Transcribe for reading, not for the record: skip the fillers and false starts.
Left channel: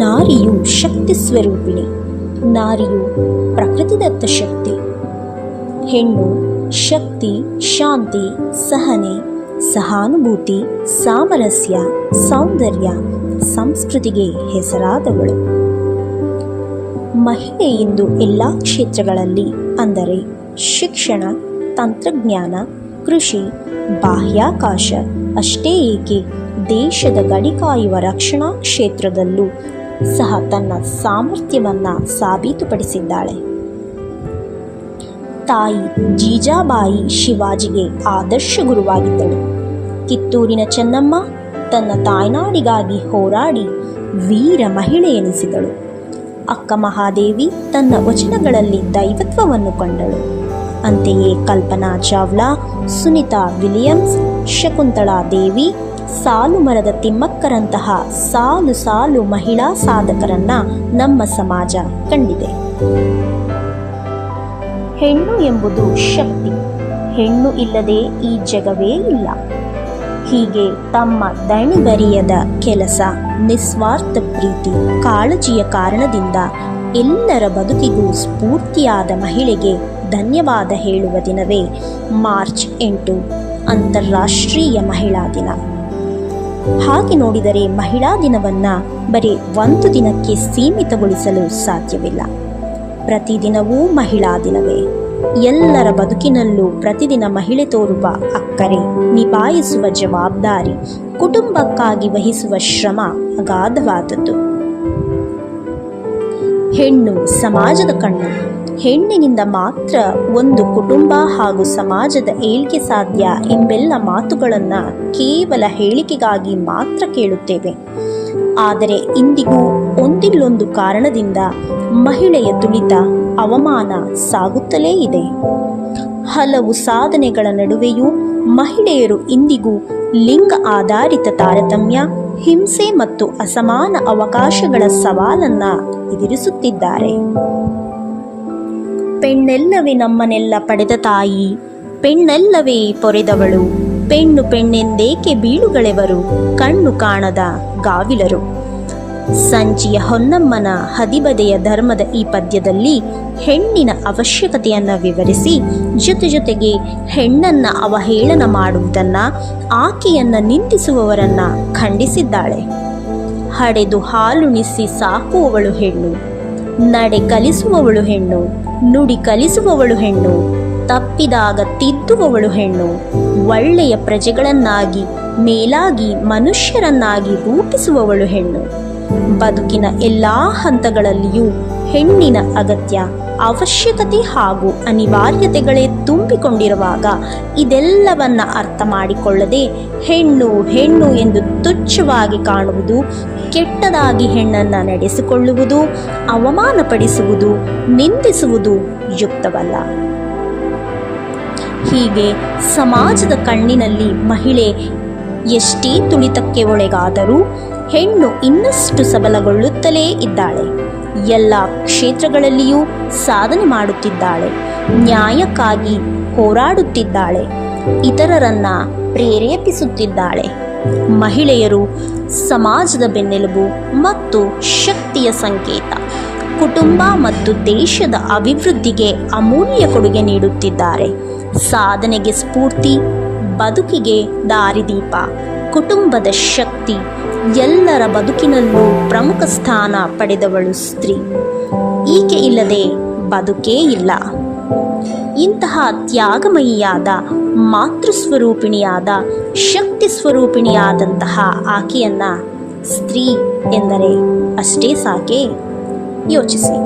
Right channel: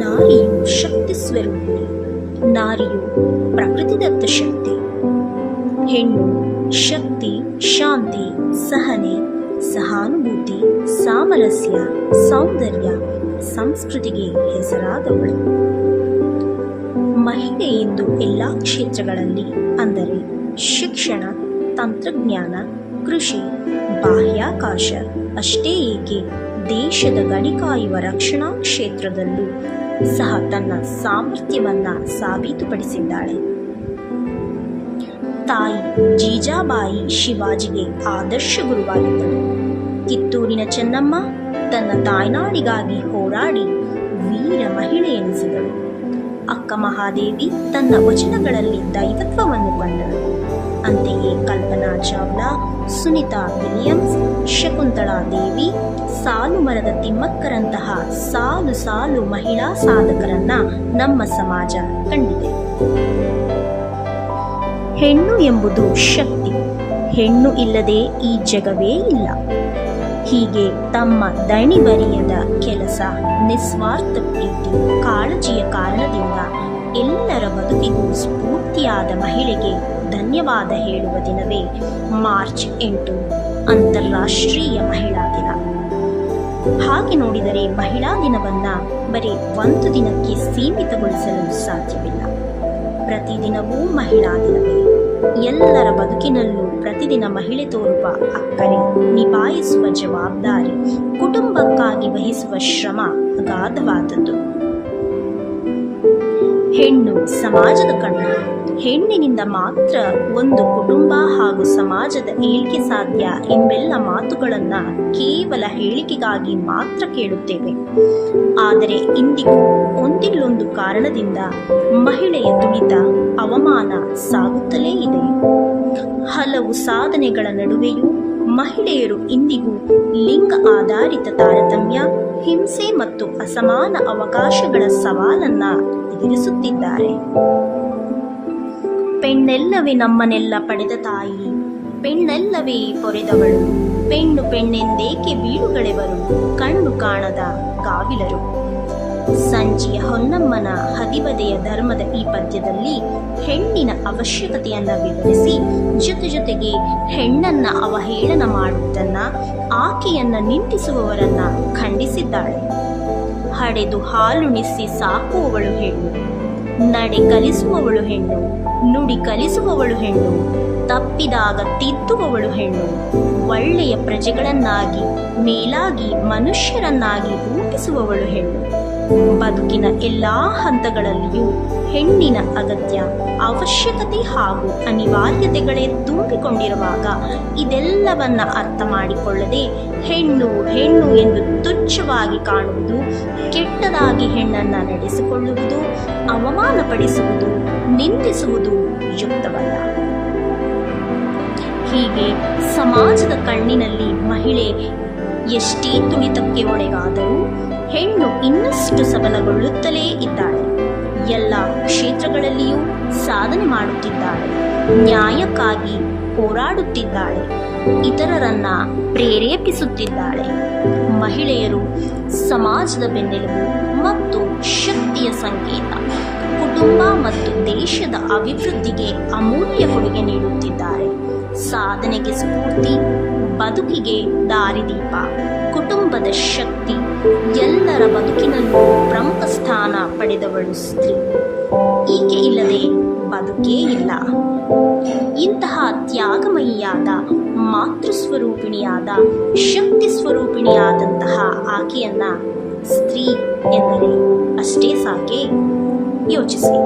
ನಾರಿಯು ಶಕ್ತಿ ಸ್ವರೂಪಿಣಿ. ನಾರಿಯು ಪ್ರಕೃತಿದತ್ತ ಶಕ್ತಿ. ಹೆಣ್ಣು ಶಕ್ತಿ, ಶಾಂತಿ, ಸಹನೆ, ಸಹಾನುಭೂತಿ, ಸಾಮರಸ್ಯ, ಸೌಂದರ್ಯ, ಸಂಸ್ಕೃತಿಗೆ ಹೆಸರಾದವಳು. ಮಹಿಳೆ ಇಂದು ಎಲ್ಲ ಕ್ಷೇತ್ರಗಳಲ್ಲಿ, ಅಂದರೆ ಶಿಕ್ಷಣ, ತಂತ್ರಜ್ಞಾನ, ಕೃಷಿ, ಬಾಹ್ಯಾಕಾಶ ಅಷ್ಟೇ ಏಕೆ ದೇಶದ ಗಡಿ ಕಾಯುವ ರಕ್ಷಣಾ ಕ್ಷೇತ್ರದಲ್ಲೂ ಸಹ ತನ್ನ ಸಾಮರ್ಥ್ಯವನ್ನ ಸಾಬೀತುಪಡಿಸಿದ್ದಾಳೆ. ತಾಯಿ ಜೀಜಾಬಾಯಿ ಶಿವಾಜಿಗೆ ಆದರ್ಶ ಗುರುವಾಗಿದ್ದಳು. ಕಿತ್ತೂರಿನ ಚೆನ್ನಮ್ಮ ತನ್ನ ತಾಯ್ನಾಡಿಗಾಗಿ ಹೋರಾಡಿ ವೀರ ಮಹಿಳೆ ಎನಿಸಿದಳು. ಅಕ್ಕ ಮಹಾದೇವಿ ತನ್ನ ವಚನಗಳಲ್ಲಿ ದೈವತ್ವವನ್ನು ಕಂಡಳು. ಅಂತೆಯೇ ಕಲ್ಪನಾ ಚಾವ್ಲಾ, ಸುನಿತಾ ವಿಲಿಯಮ್ಸ್, ಶಕುಂತಳಾ ದೇವಿ, ಸಾಲು ಮರದ ತಿಮ್ಮಕ್ಕರಂತಹ ಸಾಲು ಸಾಲು ಮಹಿಳಾ ಸಾಧಕರನ್ನ ನಮ್ಮ ಸಮಾಜ ಕಂಡಿದೆ. ಹೆಣ್ಣು ಎಂಬುದು ಶಕ್ತಿ. ಹೆಣ್ಣು ಇಲ್ಲದೆ ಈ ಜಗವೇ ಇಲ್ಲ. ಹೀಗೆ ತಮ್ಮ ದಣಿವರಿಯದ ಕೆಲಸ, ನಿಸ್ವಾರ್ಥ ಪ್ರೀತಿ, ಕಾಳಜಿಯ ಕಾರಣದಿಂದ ಎಲ್ಲರ ಬದುಕಿಗೂ ಸ್ಫೂರ್ತಿಯಾದ ಮಹಿಳೆಗೆ ಧನ್ಯವಾದ ಹೇಳುವ ದಿನವೇ ಮಾರ್ಚ್ 8 ಅಂತಾರಾಷ್ಟ್ರೀಯ ಮಹಿಳಾ ದಿನ. ಹಾಗೆ ನೋಡಿದರೆ ಮಹಿಳಾ ದಿನವನ್ನ ಬರೀ ಒಂದು ದಿನಕ್ಕೆ ಸೀಮಿತಗೊಳಿಸಲು ಸಾಧ್ಯವಿಲ್ಲ. ಪ್ರತಿದಿನವೂ ಮಹಿಳಾ ದಿನವೇ. ಎಲ್ಲರ ಬದುಕಿನಲ್ಲೂ ಪ್ರತಿದಿನ ಮಹಿಳೆ ತೋರುವ ಅಕ್ಕರೆ, ನಿಭಾಯಿಸುವ ಜವಾಬ್ದಾರಿ, ಕುಟುಂಬಕ್ಕಾಗಿ ವಹಿಸುವ ಶ್ರಮ ಅಗಾಧವಾದದ್ದು. ಹೆಣ್ಣು ಸಮಾಜದ ಕಣ್ಣು. ಹೆಣ್ಣಿನಿಂದ ಮಾತ್ರ ಒಂದು ಕುಟುಂಬ ಹಾಗೂ ಸಮಾಜದ ಏಳ್ಗೆ ಸಾಧ್ಯ ಎಂಬೆಲ್ಲ ಮಾತುಗಳನ್ನು ಕೇವಲ ಹೇಳಿಕೆಗಾಗಿ ಮಾತ್ರ ಕೇಳುತ್ತೇವೆ. ಆದರೆ ಇಂದಿಗೂ ಒಂದಿಲ್ಲೊಂದು ಕಾರಣದಿಂದ ಮಹಿಳೆಯ ತುಳಿತ, ಅವಮಾನ ಸಾಗುತ್ತಲೇ ಇದೆ. ಹಲವು ಸಾಧನೆಗಳ ನಡುವೆಯೂ ಮಹಿಳೆಯರು ಇಂದಿಗೂ ಲಿಂಗ ಆಧಾರಿತ ತಾರತಮ್ಯ, ಹಿಂಸೆ ಮತ್ತು ಅಸಮಾನ ಅವಕಾಶಗಳ ಸವಾಲನ್ನ ಎದುರಿಸುತ್ತಿದ್ದಾರೆ. ಪೆಣ್ಣೆಲ್ಲವೇ ನಮ್ಮನ್ನೆಲ್ಲ ಪಡೆದ ತಾಯಿ, ಪೆಣ್ಣೆಲ್ಲವೇ ಪೊರೆದವಳು, ಪೆಣ್ಣು ಪೆಣ್ಣೆಂದೇಕೆ ಬೀಳುಗಳೆವರು, ಕಣ್ಣು ಕಾಣದ ಗಾವಿಲರು. ಸಂಜಿಯ ಹೊನ್ನಮ್ಮನ ಹದಿಬದೆಯ ಧರ್ಮದ ಈ ಪದ್ಯದಲ್ಲಿ ಹೆಣ್ಣಿನ ಅವಶ್ಯಕತೆಯನ್ನು ವಿವರಿಸಿ, ಜೊತೆಗೆ ಹೆಣ್ಣನ್ನ ಅವಹೇಳನ ಮಾಡುವುದನ್ನ, ಆಕೆಯನ್ನ ನಿಂದಿಸುವವರನ್ನ ಖಂಡಿಸಿದ್ದಾಳೆ. ಹಡೆದು ಹಾಲುಣಿಸಿ ಸಾಕುವವಳು ಹೆಣ್ಣು, ನಡೆ ಕಲಿಸುವವಳು ಹೆಣ್ಣು, ನುಡಿ ಕಲಿಸುವವಳು ಹೆಣ್ಣು, ತಪ್ಪಿದಾಗ ತಿದ್ದುವವಳು ಹೆಣ್ಣು, ಒಳ್ಳೆಯ ಪ್ರಜೆಗಳನ್ನಾಗಿ ಮೇಲಾಗಿ ಮನುಷ್ಯರನ್ನಾಗಿ ರೂಪಿಸುವವಳು ಹೆಣ್ಣು. ಬದುಕಿನ ಎಲ್ಲ ಹಂತಗಳಲ್ಲಿಯೂ ಹೆಣ್ಣಿನ ಅಗತ್ಯ, ಅವಶ್ಯಕತೆ ಹಾಗೂ ಅನಿವಾರ್ಯತೆಗಳೇ ತುಂಬಿಕೊಂಡಿರುವಾಗ ಇದೆಲ್ಲವನ್ನ ಅರ್ಥ ಮಾಡಿಕೊಳ್ಳದೆ ಹೆಣ್ಣು ಹೆಣ್ಣು ಎಂದು ತುಚ್ಛವಾಗಿ ಕಾಣುವುದು, ಕೆಟ್ಟದಾಗಿ ಹೆಣ್ಣನ್ನು ನಡೆಸಿಕೊಳ್ಳುವುದು, ಅವಮಾನಪಡಿಸುವುದು, ನಿಂದಿಸುವುದು ಯುಕ್ತವಲ್ಲ. ಹೀಗೆ ಸಮಾಜದ ಕಣ್ಣಿನಲ್ಲಿ ಮಹಿಳೆ ಎಷ್ಟೇ ತುಳಿತಕ್ಕೆ ಒಳಗಾದರೂ ಹೆಣ್ಣು ಇನ್ನಷ್ಟು ಸಬಲಗೊಳ್ಳುತ್ತಲೇ ಇದ್ದಾಳೆ. ಎಲ್ಲ ಕ್ಷೇತ್ರಗಳಲ್ಲಿಯೂ ಸಾಧನೆ ಮಾಡುತ್ತಿದ್ದಾಳೆ. ನ್ಯಾಯಕ್ಕಾಗಿ ಹೋರಾಡುತ್ತಿದ್ದಾಳೆ. ಇತರರನ್ನ ಪ್ರೇರೇಪಿಸುತ್ತಿದ್ದಾಳೆ. ಮಹಿಳೆಯರು ಸಮಾಜದ ಬೆನ್ನೆಲುಬು ಮತ್ತು ಶಕ್ತಿಯ ಸಂಕೇತ. ಕುಟುಂಬ ಮತ್ತು ದೇಶದ ಅಭಿವೃದ್ಧಿಗೆ ಅಮೂಲ್ಯ ಕೊಡುಗೆ ನೀಡುತ್ತಿದ್ದಾರೆ. ಸಾಧನೆಗೆ ಸ್ಫೂರ್ತಿ, ಬದುಕಿಗೆ ದಾರಿದೀಪ, ಕುಟುಂಬದ ಶಕ್ತಿ, ಎಲ್ಲರ ಬದುಕಿನಲ್ಲೂ ಪ್ರಮುಖ ಸ್ಥಾನ ಪಡೆದವಳು ಸ್ತ್ರೀ. ಈಕೆ ಇಲ್ಲದೆ ಬದುಕೇ ಇಲ್ಲ. ಇಂತಹ ತ್ಯಾಗಮಯಿಯಾದ, ಮಾತೃಸ್ವರೂಪಿಣಿಯಾದ, ಶಕ್ತಿ ಸ್ವರೂಪಿಣಿಯಾದಂತಹ ಆಕೆಯನ್ನ ಸ್ತ್ರೀ ಎಂದರೆ ಅಷ್ಟೇ ಸಾಕೆ? ಯೋಚಿಸಿ.